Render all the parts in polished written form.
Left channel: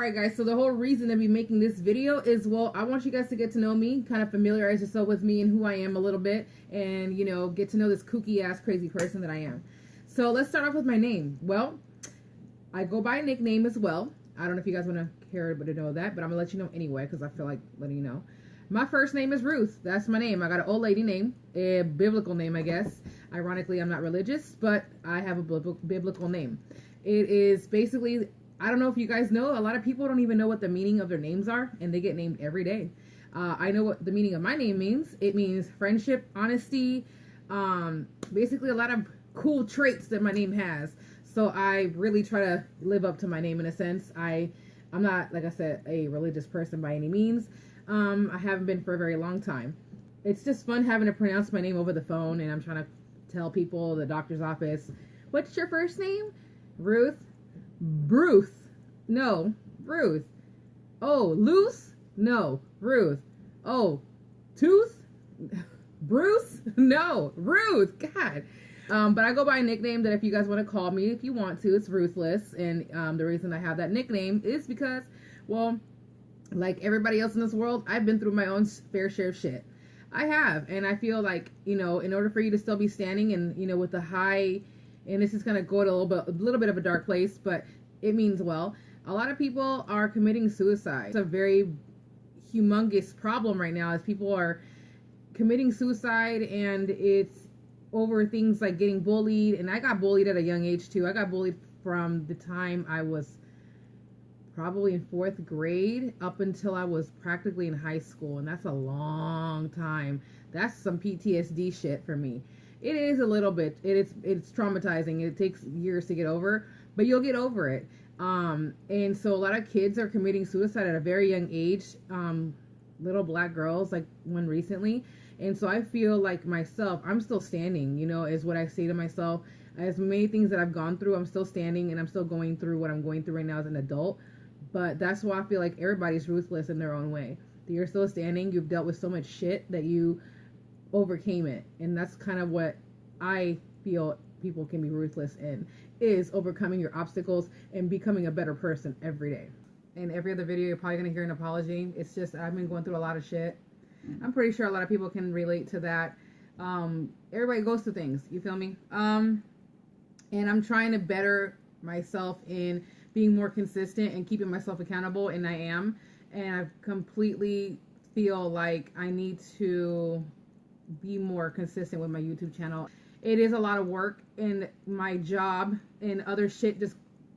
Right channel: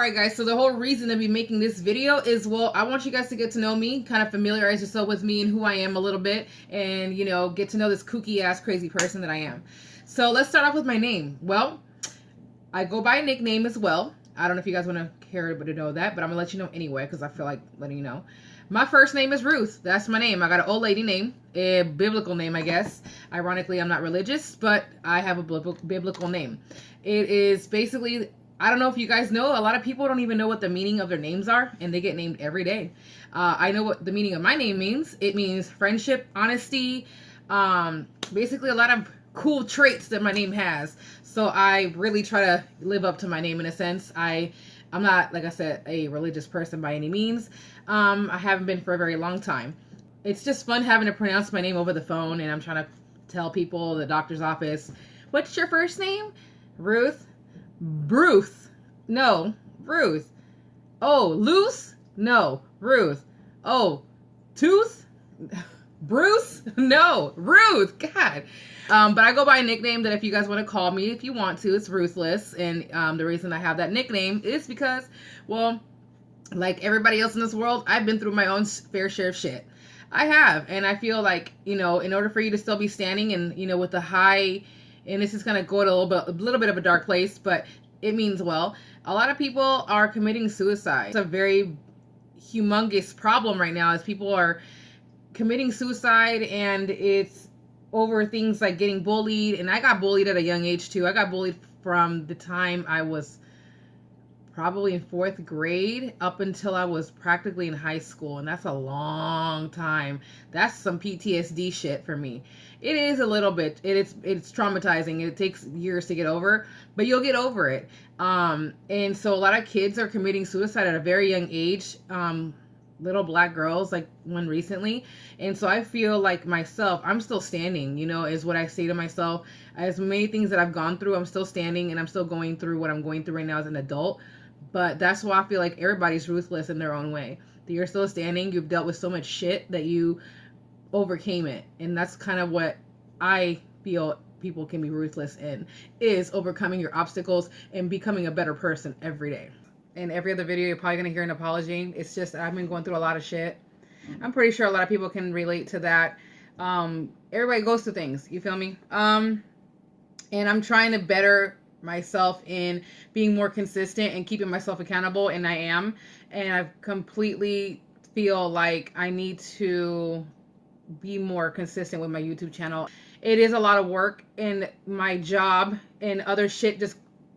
Alright guys, so the whole reason to be making this video is, well, I want you guys to get to know me, kind of familiarize yourself with me and who I am a little bit, and, you know, get to know this kooky ass crazy person that I am. So let's start off with my name. Well, I go by a nickname as well. I don't know if you guys want to care to know that, but I'm going to let you know anyway, because I feel like letting you know. My first name is Ruth. That's my name. I got an old lady name, a biblical name, I guess. Ironically, I'm not religious, but I have a biblical name. It is basically, I don't know if you guys know, a lot of people don't even know what the meaning of their names are, and they get named every day. I know what the meaning of my name means. It means friendship, honesty, basically a lot of cool traits that my name has. So I really try to live up to my name in a sense. I'm not, like I said, a religious person by any means. I haven't been for a very long time. It's just fun having to pronounce my name over the phone, and I'm trying to tell people, the doctor's office, what's your first name? Ruth? Bruce? No, Ruth. Oh, Luce? No, Ruth. Oh, Tooth? Bruce? No, Ruth. God. But I go by a nickname that if you guys want to call me, if you want to, it's Ruthless. And the reason I have that nickname is because, well, like everybody else in this world, I've been through my own fair share of shit. I have. And I feel like, you know, in order for you to still be standing and, you know, with the high, and this is going to go to a little bit of a dark place, but it means well. A lot of people are committing suicide. It's a very humongous problem right now as people are committing suicide, and it's over things like getting bullied. And I got bullied at a young age too. I got bullied from the time I was probably in 4th grade up until I was practically in high school, and that's a long time. That's some PTSD shit for me. It is a little bit. It's traumatizing. It takes years to get over, but you'll get over it. And so a lot of kids are committing suicide at a very young age. Little black girls, like one recently. And so I feel like myself, I'm still standing, you know, is what I say to myself. As many things that I've gone through, I'm still standing, and I'm still going through what I'm going through right now as an adult. But that's why I feel like everybody's ruthless in their own way. That you're still standing. You've dealt with so much shit that you overcame it. And that's kind of what I feel people can be ruthless in, is overcoming your obstacles and becoming a better person every day. In every other video, you're probably going to hear an apology. It's just, I've been going through a lot of shit. I'm pretty sure a lot of people can relate to that. Everybody goes through things. You feel me? And I'm trying to better myself in being more consistent and keeping myself accountable, and I am. And I completely feel like I need to be more consistent with my YouTube channel. It is a lot of work, and my job and other shit just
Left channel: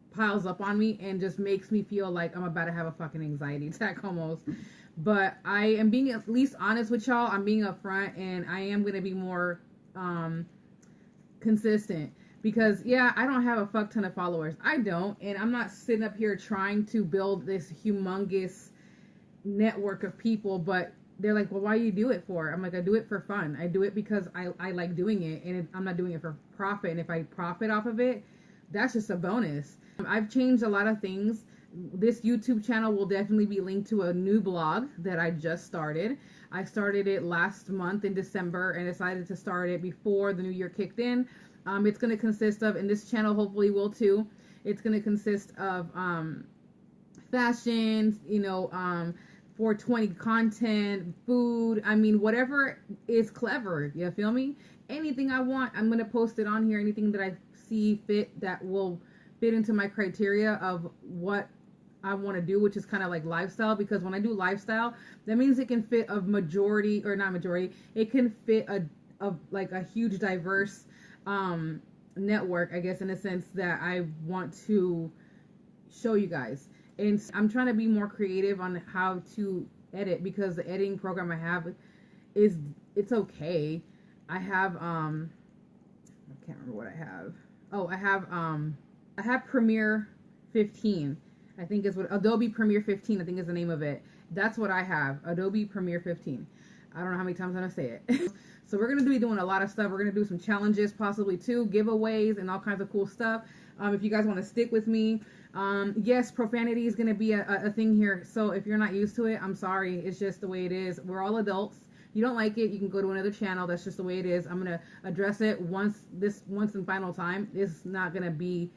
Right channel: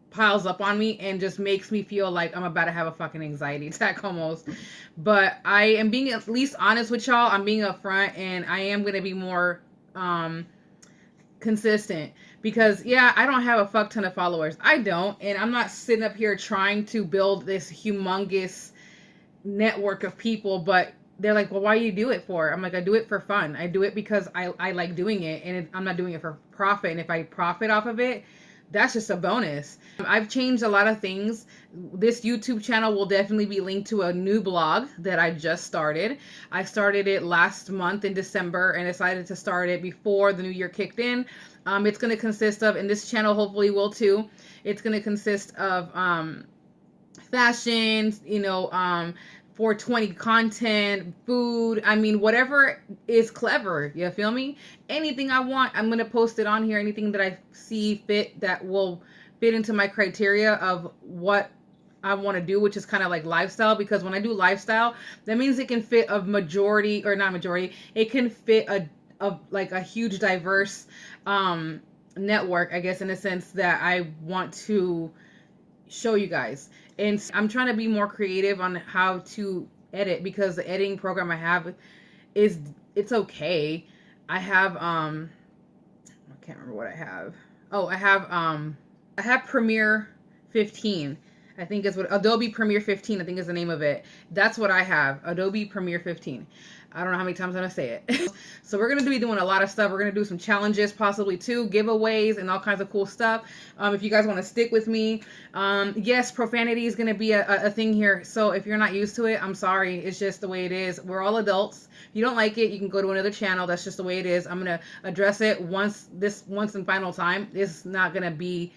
piles up on me and just makes me feel like I'm about to have a fucking anxiety attack almost. But I am being at least honest with y'all. I'm being upfront, and I am going to be more consistent, because yeah, I don't have a fuck ton of followers. I don't, and I'm not sitting up here trying to build this humongous network of people, but they're like, well, why do you do it for? I'm like, I do it for fun. I do it because I like doing it, and I'm not doing it for profit. And if I profit off of it, that's just a bonus. I've changed a lot of things. This YouTube channel will definitely be linked to a new blog that I just started. I started it last month in December and decided to start it before the new year kicked in. It's going to consist of, and this channel hopefully will too, it's going to consist of fashion, you know, 420 content, food, I mean, whatever is clever, you feel me? Anything I want, I'm going to post it on here. Anything that I see fit that will fit into my criteria of what I want to do, which is kind of like lifestyle, because when I do lifestyle, that means it can fit a majority, or not majority, it can fit a like a huge diverse network, I guess, in a sense that I want to show you guys. And I'm trying to be more creative on how to edit, because the editing program I have it's okay. I have I can't remember what I have. Oh, I have Premiere 15. I think is what Adobe Premiere 15, I think is the name of it. That's what I have. Adobe Premiere 15. I don't know how many times I'm going to say it. So we're going to be doing a lot of stuff. We're going to do some challenges, possibly too, giveaways, and all kinds of cool stuff. If you guys want to stick with me. Yes, profanity is going to be a thing here. So if you're not used to it, I'm sorry. It's just the way it is. We're all adults. If you don't like it, you can go to another channel. That's just the way it is. I'm going to address it once and final time. It's not going to be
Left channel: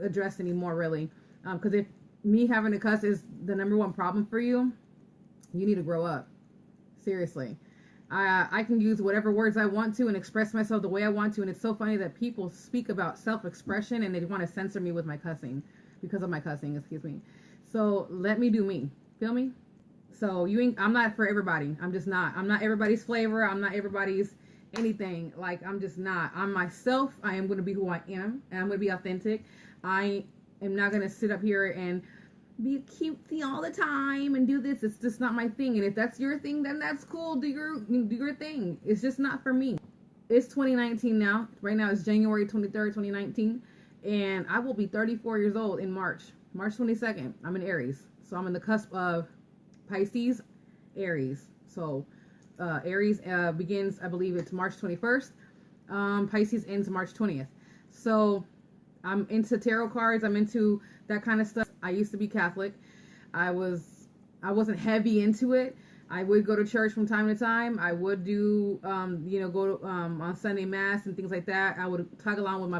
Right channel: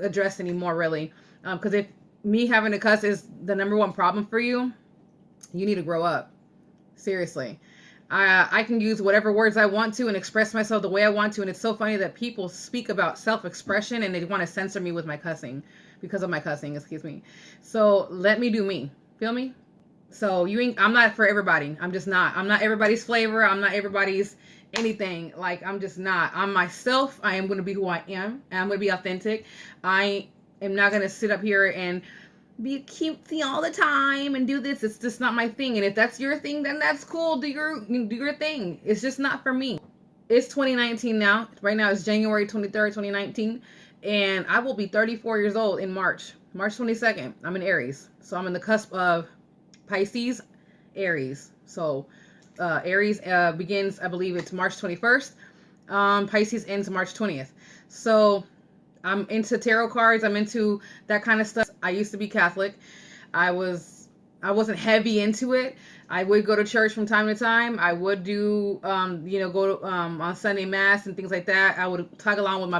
addressed anymore, really. Because if me having to cuss is the number one problem for you, you need to grow up. Seriously. I can use whatever words I want to and express myself the way I want to. And it's so funny that people speak about self-expression and they want to censor me with my cussing because of my cussing, excuse me. So let me do me. Feel me? So I'm not for everybody. I'm just not. I'm not everybody's flavor. I'm not everybody's anything. Like, I'm just not. I'm myself. I am going to be who I am. And I'm going to be authentic. I am not going to sit up here and be cutesy all the time and do this. It's just not my thing. And if that's your thing, then that's cool. Do your thing. It's just not for me. It's 2019 now. Right now it's January 23rd, 2019. And I will be 34 years old in March 22nd. I'm in Aries. So I'm in the cusp of Pisces, Aries. So Aries begins, I believe it's March 21st. Pisces ends March 20th. So I'm into tarot cards. I'm into that kind of stuff. I used to be Catholic. I wasn't heavy into it. I would go to church from time to time. I would do, go to, on Sunday mass and things like that. I would tag along with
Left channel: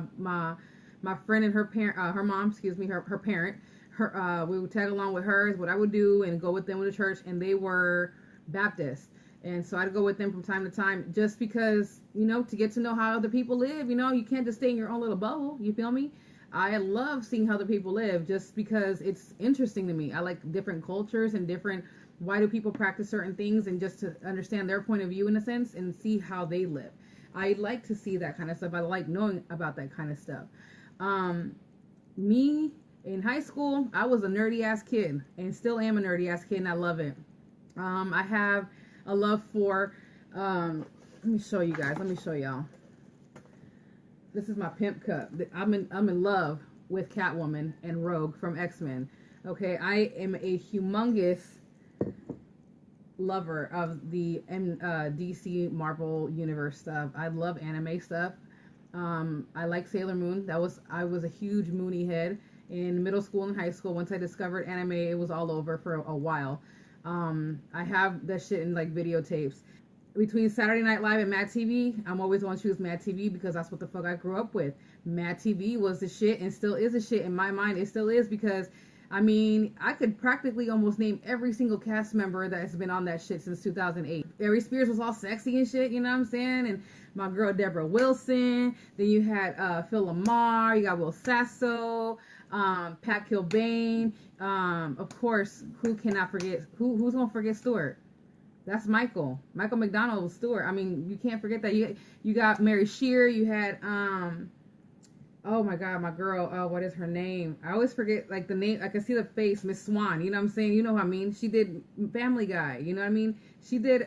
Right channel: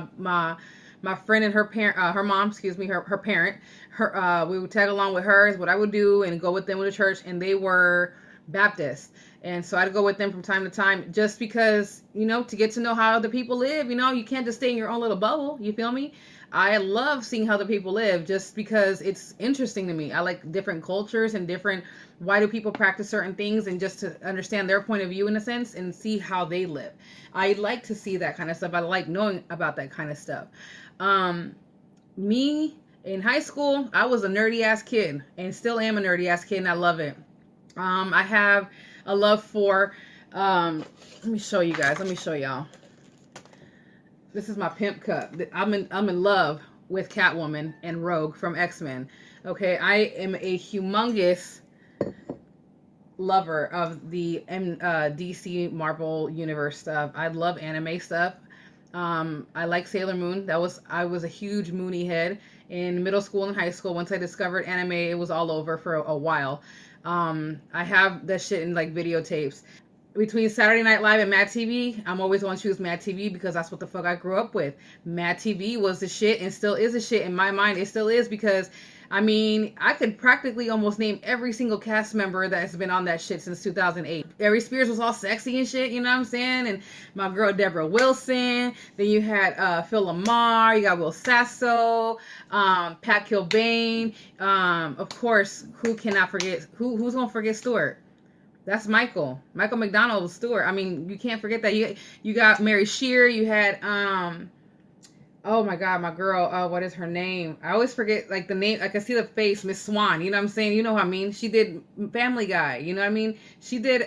my friend and her parent, her mom, excuse me, her parent. We would tag along with her is what I would do and go with them to the church. And they were Baptist. And so I'd go with them from time to time just because, to get to know how other people live. You can't just stay in your own little bubble. You feel me? I love seeing how other people live just because it's interesting to me. I like different cultures and why do people practice certain things, and just to understand their point of view in a sense and see how they live. I like to see that kind of stuff. I like knowing about that kind of stuff. Me in high school, I was a nerdy ass kid and still am a nerdy ass kid, and I love it. I have a love for, let me show you guys. Let me show y'all. This is my pimp cup. I'm in love with Catwoman and Rogue from X-Men. Okay, I am a humongous lover of the DC Marvel universe stuff. I love anime stuff. I like Sailor Moon. I was a huge Moony head in middle school and high school. Once I discovered anime, it was all over for a while. I have that shit in like videotapes. Between Saturday Night Live and Mad TV, I'm always going to choose Mad TV because that's what the fuck I grew up with. Mad TV was the shit and still is the shit in my mind. It still is because, I could practically almost name every single cast member that's been on that shit since 2008. Ari Spears was all sexy and shit, you know what I'm saying? And my girl Deborah Wilson. Then you had Phil Lamar. You got Will Sasso, Pat Kilbane. Of course, who cannot forget? Who's gonna forget Stewart? That's Michael McDonald Stewart. You can't forget that. You got Mary Shear. You had oh my god, my girl, what is her name? I always forget like the name. I can see the face, Miss Swan. You know what I'm saying? You know what I mean? She did Family Guy. You know what I mean? She did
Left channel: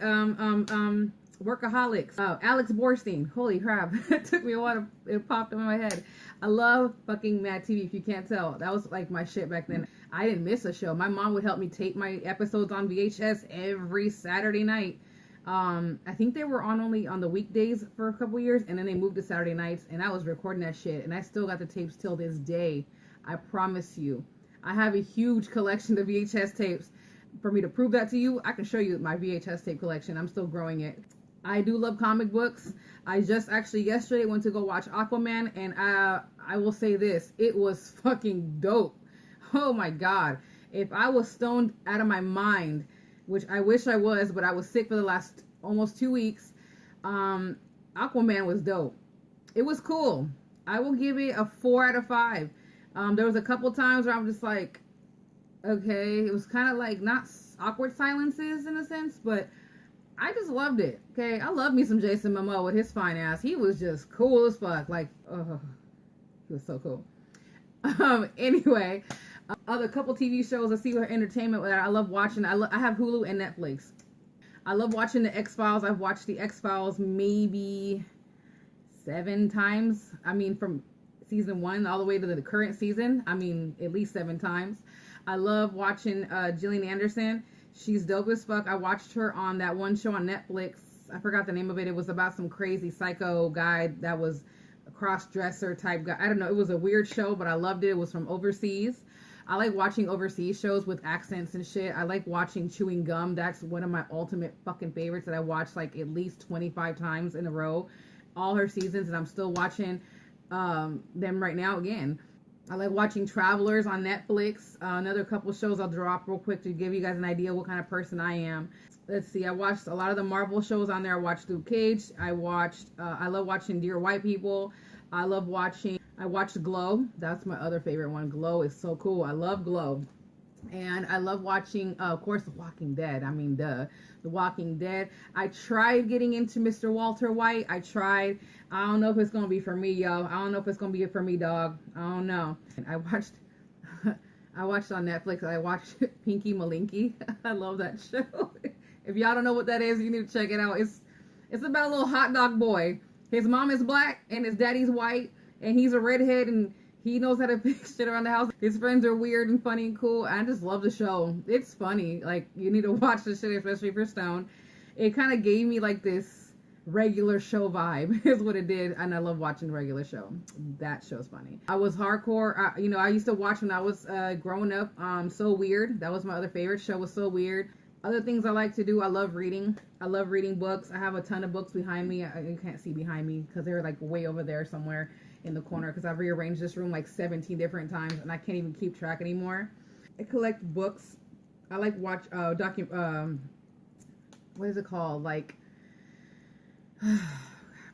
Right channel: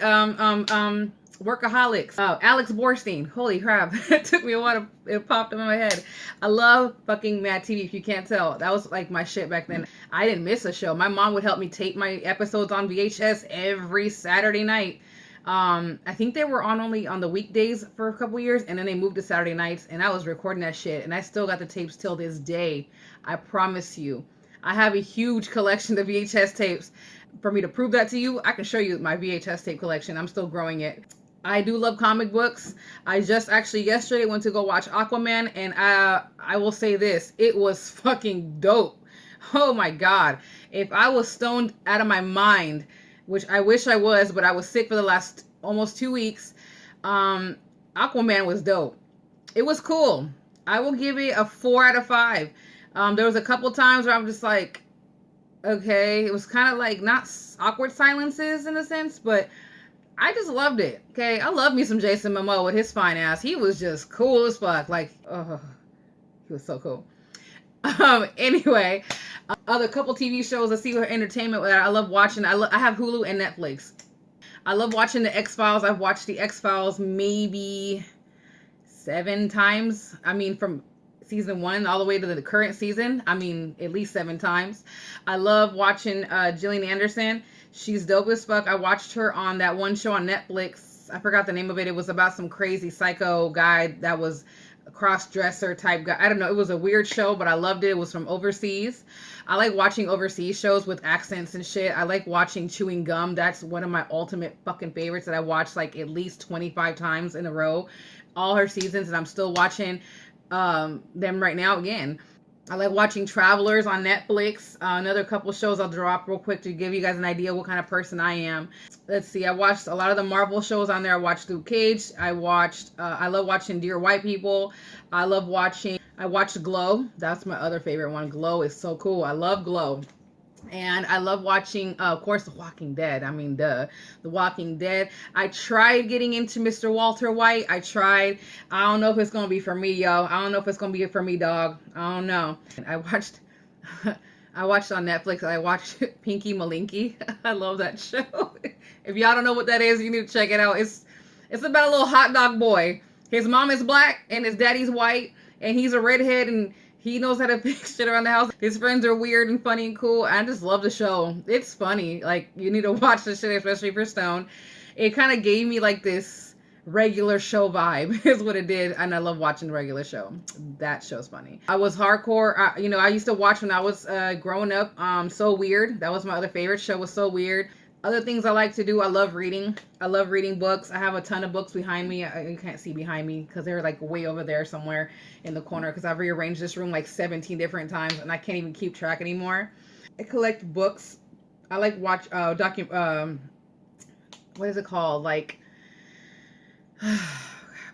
Workaholics. Alex Borstein. Holy crap. It took me a while it popped up in my head. I love fucking Mad TV, if you can't tell. That was like my shit back then. I didn't miss a show. My mom would help me tape my episodes on VHS every Saturday night. I think they were only on the weekdays for a couple years, and then they moved to Saturday nights, and I was recording that shit, and I still got the tapes till this day. I promise you. I have a huge collection of VHS tapes. For me to prove that to you, I can show you my VHS tape collection. I'm still growing it. I do love comic books. I just actually yesterday went to go watch Aquaman, and I will say this. It was fucking dope. Oh my god. If I was stoned out of my mind, which I wish I was, but I was sick for the last almost 2 weeks, Aquaman was dope. It was cool. I will give it a 4 out of 5. There was a couple times where I'm just like, okay, it was kind of like not awkward silences in a sense, but I just loved it. Okay, I love me some Jason Momoa with his fine ass. He was just cool as fuck. Like, oh, he was so cool. Anyway, other couple TV shows I see for entertainment that I love watching. I have Hulu and Netflix. I love watching the X-Files. I've watched the X-Files maybe 7 times. From season 1 all the way to the current season. At least 7 times. I love watching Gillian Anderson. She's dope as fuck. I watched her on that one show on Netflix. I forgot the name of it. It was about some crazy psycho guy that was a cross-dresser type guy. I don't know. It was a weird show, but I loved it. It was from overseas. I like watching overseas shows with accents and shit. I like watching Chewing Gum. That's one of my ultimate fucking favorites that I watched like at least 25 times in a row. All her seasons, and I'm still watching them right now again. I like watching Travelers on Netflix. Another couple shows I'll drop real quick to give you guys an idea what kind of person I am. Let's see. I watched a lot of the Marvel shows on there. I watched Luke Cage. I love watching Dear White People. I watched Glow. That's my other favorite one. Glow is so cool. I love Glow. And I love watching, of course, The Walking Dead. I mean, The Walking Dead. I tried getting into Mr. Walter White. I tried. I don't know if it's going to be for me, yo. I don't know if it's going to be for me, dog. I don't know. I watched I watched on Netflix. I watched Pinky Malinky. I love that show. If y'all don't know what that is, you need to check it out. It's about a little hot dog boy. His mom is black and his daddy's white, and he's a redhead, and he knows how to fix shit around the house. His friends are weird and funny and cool. I just love the show. It's funny. Like, you need to watch this shit, especially for Stone. It kind of gave me like this regular show vibe is what it did. And I love watching the regular show. That show's funny. I was hardcore. I used to watch when I was growing up. So Weird. That was my other favorite show, was So Weird. Other things I like to do, I love reading. I love reading books. I have a ton of books behind me. You can't see behind me because they're like way over there somewhere in the corner because I've rearranged this room like 17 different times and I can't even keep track anymore. I collect books. I like watch what is it called? Like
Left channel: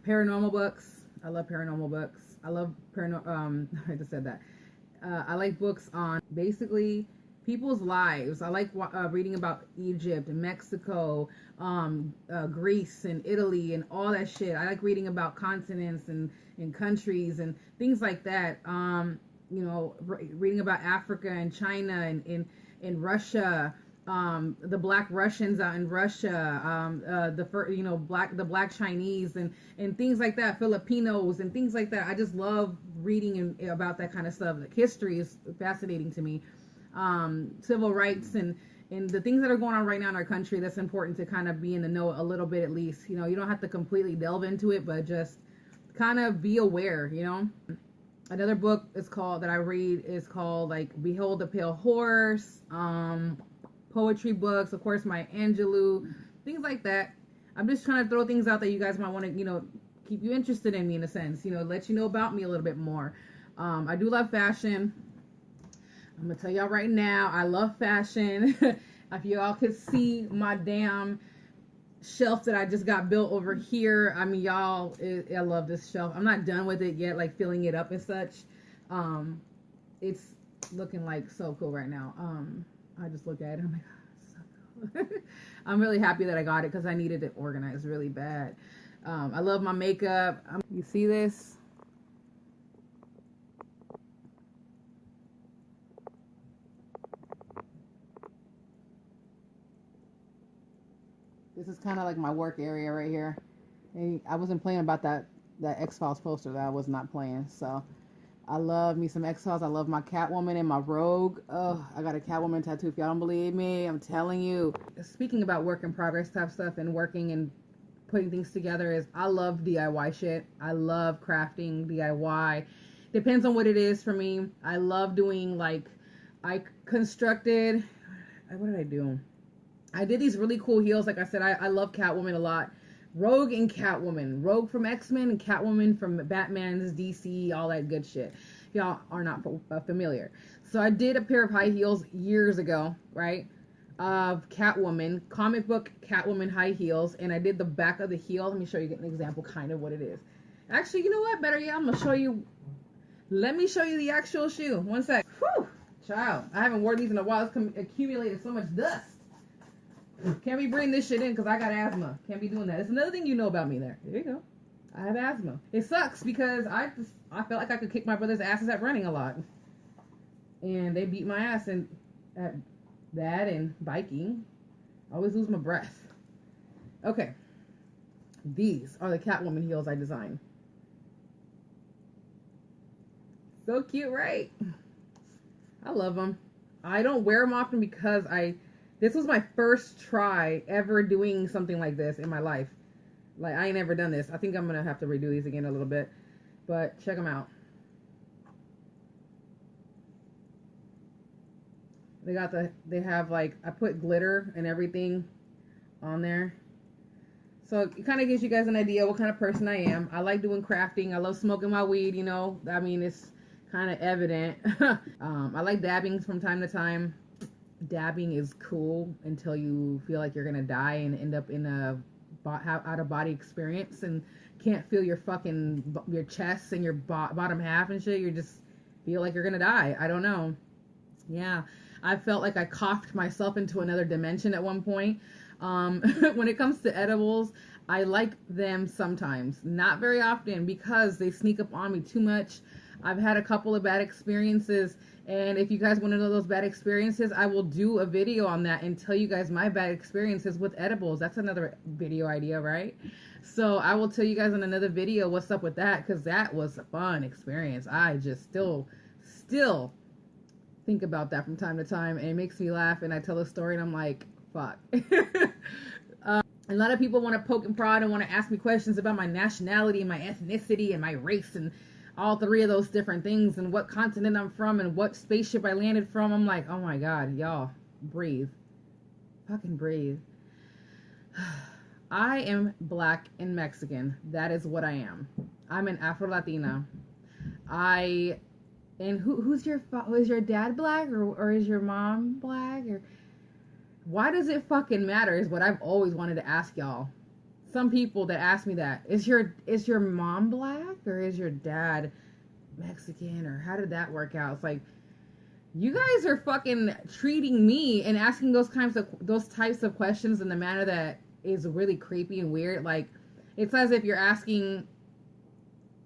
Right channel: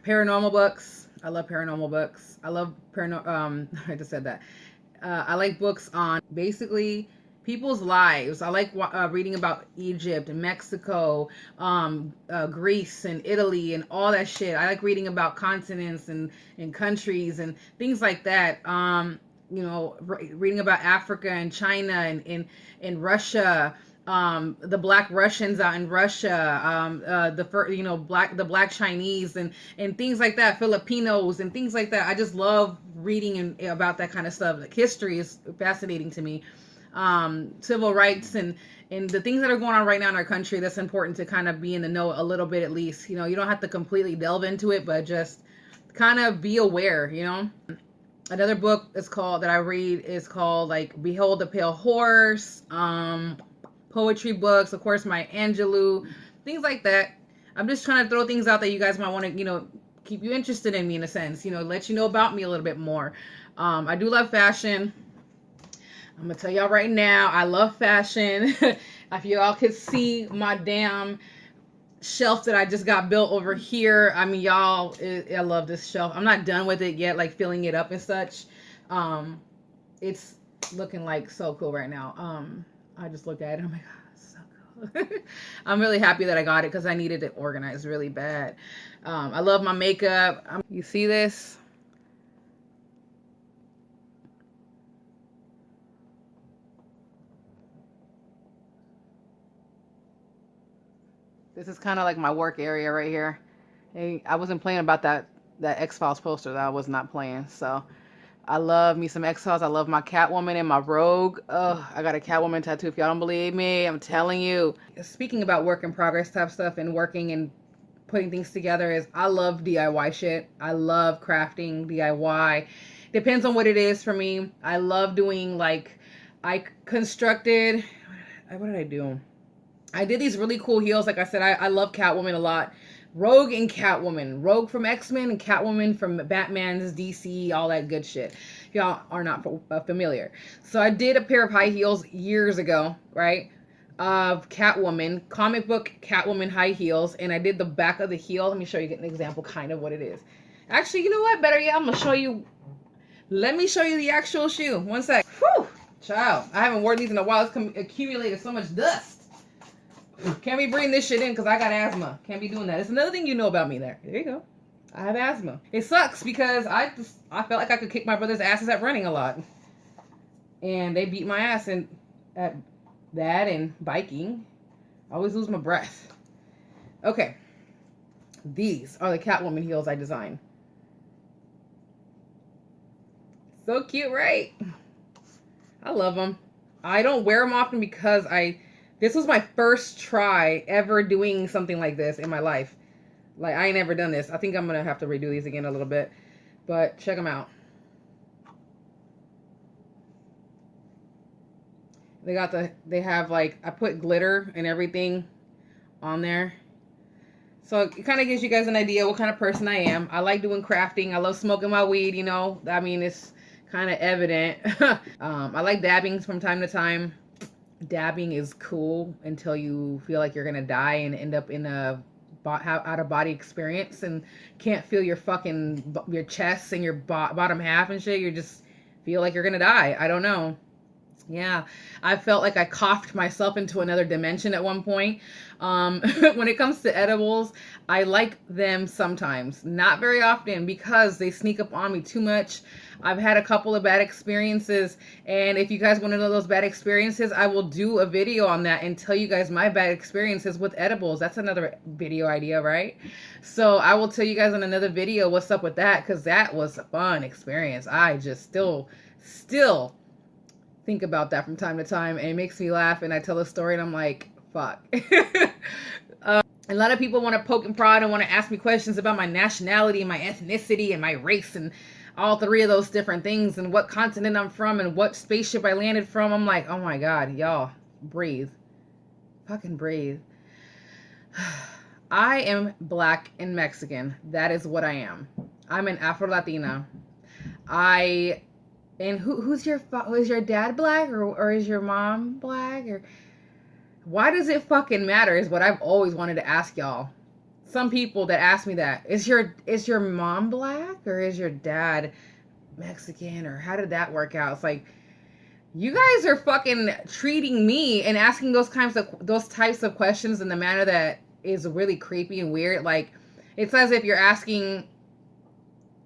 paranormal books. I love paranormal books. I love I just said that. I like books on basically people's lives. I like reading about Egypt and Mexico, Greece and Italy and all that shit. I like reading about continents and countries and things like that. Reading about Africa and China and Russia. The Black Russians out in Russia, the Black Chinese and things like that, Filipinos and things like that. I just love reading about that kind of stuff. Like, history is fascinating to me. Civil rights and the things that are going on right now in our country. That's important to kind of be in the know a little bit, at least. You don't have to completely delve into it, but just kind of be aware. Another book that I read is called like Behold the Pale Horse. Poetry books, of course, Maya Angelou, things like that. I'm just trying to throw things out that you guys might want to, keep you interested in me in a sense, let you know about me a little bit more. I do love fashion. I'm gonna tell y'all right now, I love fashion. If y'all could see my damn shelf that I just got built over here, I mean, y'all, I love this shelf. I'm not done with it yet, like filling it up and such. It's looking like so cool right now. I just looked at it. Oh my God, it's so cool. I'm really happy that I got it because I needed it organized really bad. I love my makeup. You see this? This is kind of like my work area right here. Hey, I wasn't playing about that X-Files poster that I was not playing. So I love me some X-Files. I love my Catwoman and my Rogue. Ugh, I got a Catwoman tattoo. If y'all don't believe me, I'm telling you. Speaking about work in progress type stuff and working and putting things together, is I love DIY shit. I love crafting DIY. Depends on what it is for me. I love doing what did I do? I did these really cool heels. Like I said, I love Catwoman a lot. Rogue and Catwoman. Rogue from X-Men and Catwoman from Batman's DC, all that good shit. If y'all are not familiar. So I did a pair of high heels years ago, right? Of Catwoman, comic book Catwoman high heels. And I did the back of the heel. Let me show you an example kind of what it is. Actually, you know what? Better yet, I'm going to show you. Let me show you the actual shoe. One sec. Whew. Child, I haven't worn these in a while. It's accumulated so much dust. Can't be bringing this shit in because I got asthma. Can't be doing that. It's another thing you know about me there. There you go. I have asthma. It sucks because I felt like I could kick my brother's asses at running a lot. And they beat my ass at that and biking. I always lose my breath. Okay. These are the Catwoman heels I designed. So cute, right? I love them. I don't wear them often because this was my first try ever doing something like this in my life. Like, I ain't never done this. I think I'm going to have to redo these again a little bit. But check them out. They have I put glitter and everything on there. So it kind of gives you guys an idea what kind of person I am. I like doing crafting. I love smoking my weed, I mean, it's kind of evident. I like dabbing from time to time. Dabbing is cool until you feel like you're gonna die and end up in a out of body experience and can't feel your fucking your chest and your bottom half and shit. You just feel like you're gonna die. I don't know. Yeah, I felt like I coughed myself into another dimension at one point. When it comes to edibles, I like them sometimes, not very often, because they sneak up on me too much. I've had a couple of bad experiences, and if you guys want to know those bad experiences, I will do a video on that and tell you guys my bad experiences with edibles. That's another video idea, right? So I will tell you guys in another video what's up with that, because that was a fun experience. I just still think about that from time to time, and it makes me laugh, and I tell a story and I'm like, fuck. A lot of people want to poke and prod and want to ask me questions about my nationality and my ethnicity and my race and all three of those different things and what continent I'm from and what spaceship I landed from. I'm like, oh my God, y'all, breathe. Fucking breathe. I am Black and Mexican. That is what I am. I'm an Afro-Latina. And who's your dad Black or is your mom Black? Or why does it fucking matter is what I've always wanted to ask y'all. Some people that ask me that, is your mom Black or is your dad Mexican, or how did that work out? It's like, you guys are fucking treating me and asking those types of questions in the manner that is really creepy and weird. Like, it's as if you're asking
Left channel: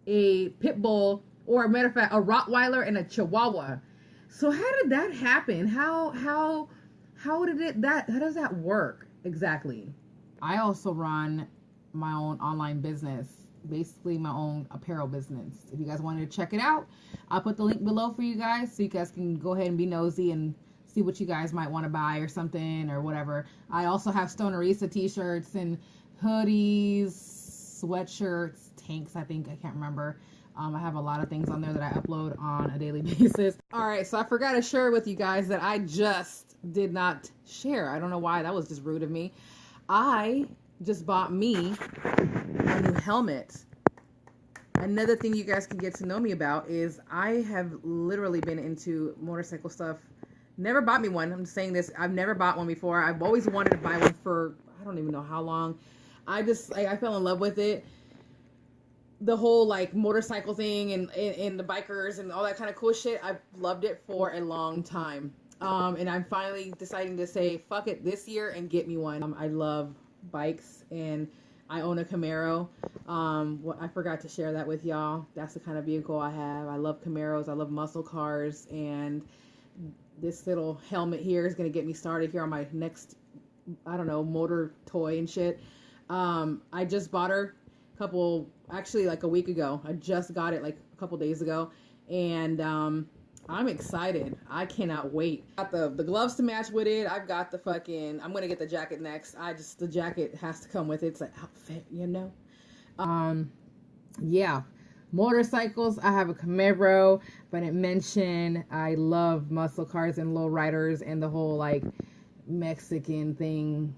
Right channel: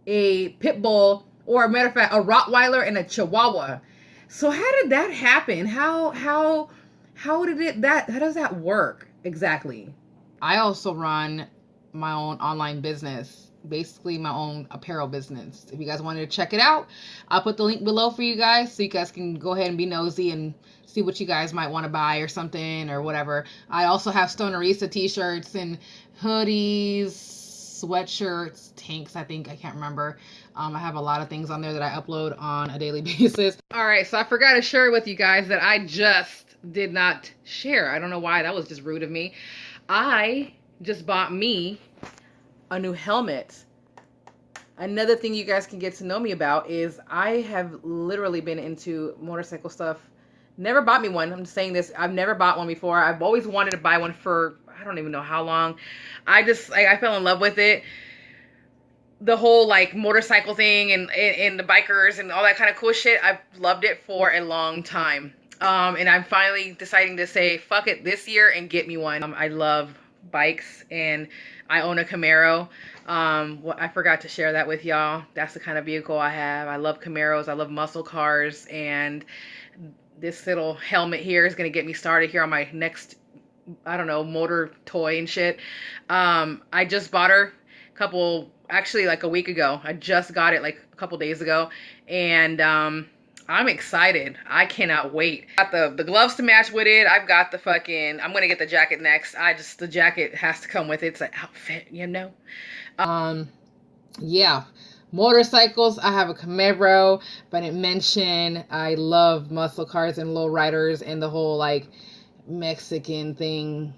a pit bull, or a matter of fact, a Rottweiler and a Chihuahua. So how did that happen? How does that work exactly? I also run my own online business, basically my own apparel business. If you guys wanted to check it out, I'll put the link below for you guys so you guys can go ahead and be nosy and see what you guys might want to buy or something or whatever. I also have Stonerista t-shirts and hoodies, sweatshirts, tanks, I can't remember. I have a lot of things on there that I upload on a daily basis. All right, so I forgot to share with you guys that I just did not share. I don't know why. That was just rude of me. I just bought me a new helmet. Another thing you guys can get to know me about is I have literally been into motorcycle stuff. Never bought me one. I'm saying this. I've never bought one before. I've always wanted to buy one for, I don't even know how long. I fell in love with it. The whole like motorcycle thing and the bikers and all that kind of cool shit. I've loved it for a long time. And I'm finally deciding to say, fuck it this year and get me one. I love bikes and I own a Camaro. I forgot to share that with y'all. That's the kind of vehicle I have. I love Camaros. I love muscle cars. And this little helmet here is going to get me started here on my next, I don't know, motor toy and shit. I just bought her actually like a week ago. I just got it like a couple days ago. And I'm excited. I cannot wait. Got the gloves to match with it. I've got I'm gonna get the jacket next. The jacket has to come with it. It's an outfit, you know? Yeah. Motorcycles, I have a Camaro, but I didn't mention I love muscle cars and lowriders and the whole like Mexican thing,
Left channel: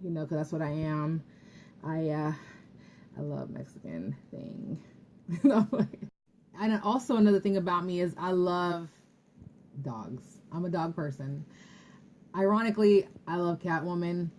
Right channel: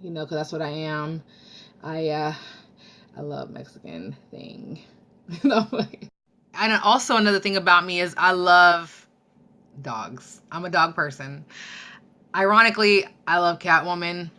you know, because that's what I am. I love Mexican thing. And also another thing about me is I love dogs. I'm a dog person. Ironically, I love Catwoman,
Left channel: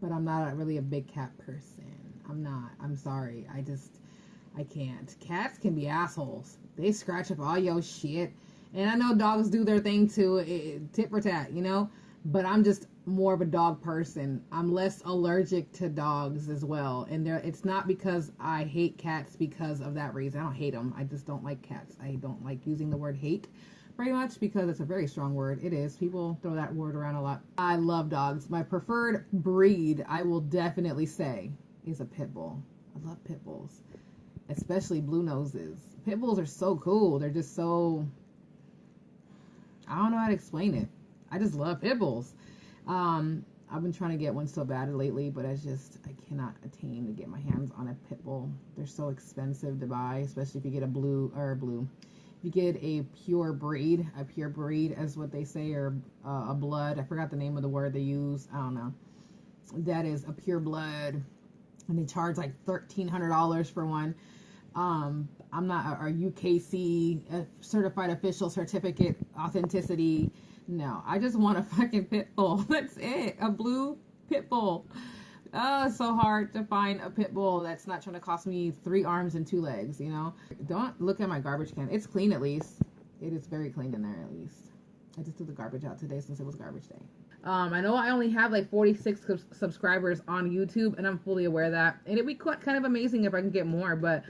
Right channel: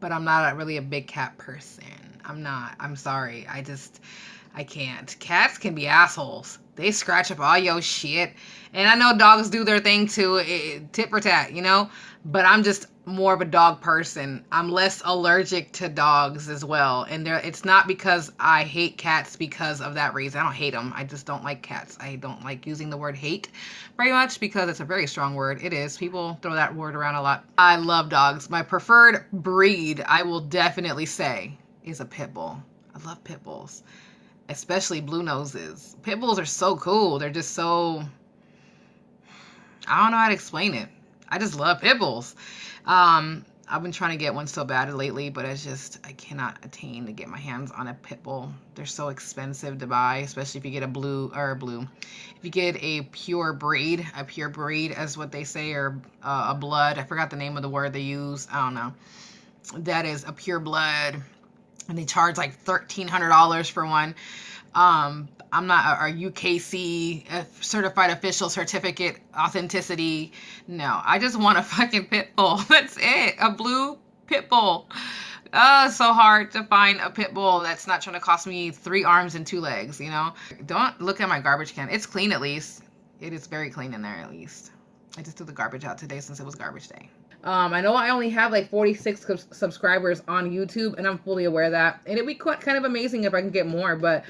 but I'm not really a big cat person. I'm not. I'm sorry. I can't. Cats can be assholes. They scratch up all your shit. And I know dogs do their thing too, tit for tat, you know? But I'm just more of a dog person. I'm less allergic to dogs as well. And it's not because I hate cats because of that reason. I don't hate them. I just don't like cats. I don't like using the word hate very much because it's a very strong word. It is. People throw that word around a lot. I love dogs. My preferred breed, I will definitely say, is a pit bull. I love pit bulls, especially blue noses. Pit bulls are so cool. They're just so, I don't know how to explain it. I just love pit bulls. I've been trying to get one so bad lately, but I cannot attain to get my hands on a pit bull. They're so expensive to buy, especially if you get if you get a pure breed as what they say, or a blood. I forgot the name of the word they use. I don't know. That is a pure blood, and they charge like $1,300 for one. I'm not a UKC certified official certificate authenticity. No, I just want a fucking pit bull. That's it. A blue pit bull. Oh, it's so hard to find a pit bull that's not trying to cost me 3 arms and 2 legs, you know? Don't look at my garbage can. It's clean at least. It is very clean in there at least. I just threw the garbage out today since it was garbage day. I know I only have like 46 subscribers on YouTube, and I'm fully aware of that. And it'd be kind of amazing if I can get more, but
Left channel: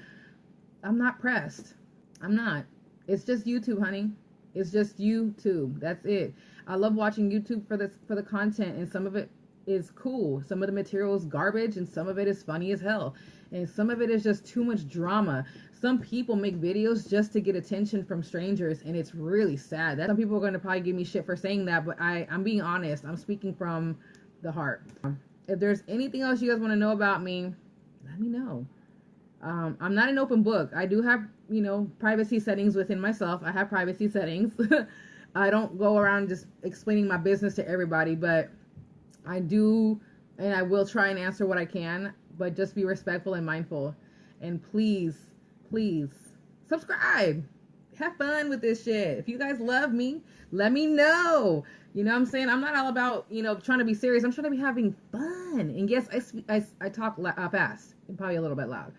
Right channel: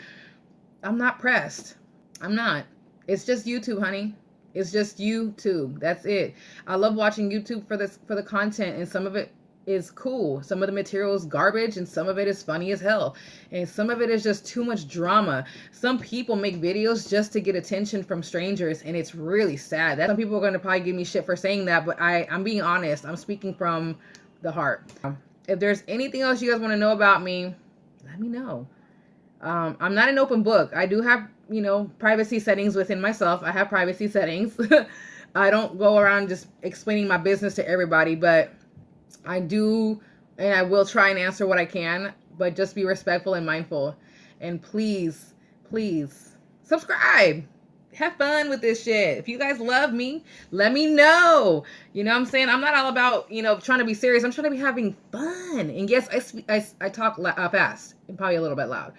I'm not pressed. I'm not. It's just YouTube, honey. It's just YouTube. That's it. I love watching YouTube for the content, and some of it is cool. Some of the material is garbage, and some of it is funny as hell. And some of it is just too much drama. Some people make videos just to get attention from strangers, and it's really sad. Some people are going to probably give me shit for saying that, but I'm being honest. I'm speaking from the heart. If there's anything else you guys want to know about me, let me know. I'm not an open book. I do have, you know, privacy settings within myself. I have privacy settings. I don't go around just explaining my business to everybody, but I do, and I will try and answer what I can, but just be respectful and mindful. And please, please subscribe. Have fun with this shit. If you guys love me, let me know. You know what I'm saying? I'm not all about, you know, trying to be serious. I'm trying to be having fun. And yes, I talk fast and probably a little bit loud.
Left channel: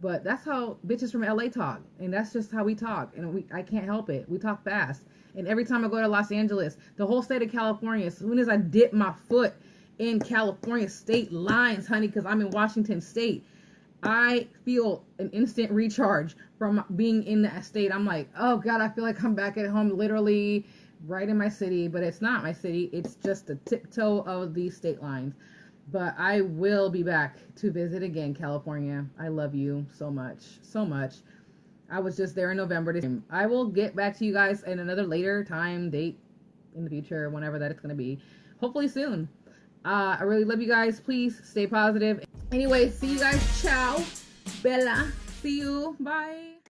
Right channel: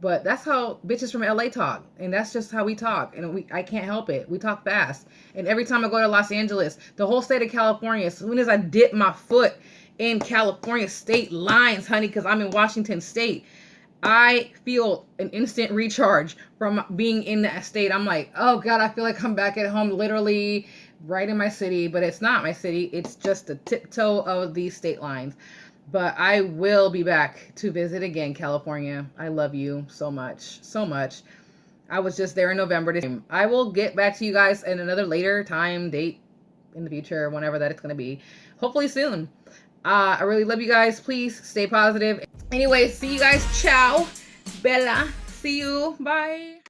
But that's how bitches from LA talk. And that's just how we talk. And I can't help it. We talk fast. And every time I go to Los Angeles, the whole state of California, as soon as I dip my foot in California state lines, honey, because I'm in Washington state, I feel an instant recharge from being in that state. I'm like, oh God, I feel like I'm back at home, literally right in my city. But it's not my city. It's just the tiptoe of these state lines. But I will be back to visit again, California. I love you so much, so much. I was just there in November. I will get back to you guys in another later time, date in the future, whenever that it's going to be. Hopefully soon. I really love you guys. Please stay positive. Anyway, see you guys. Ciao. Bella. See you. Bye.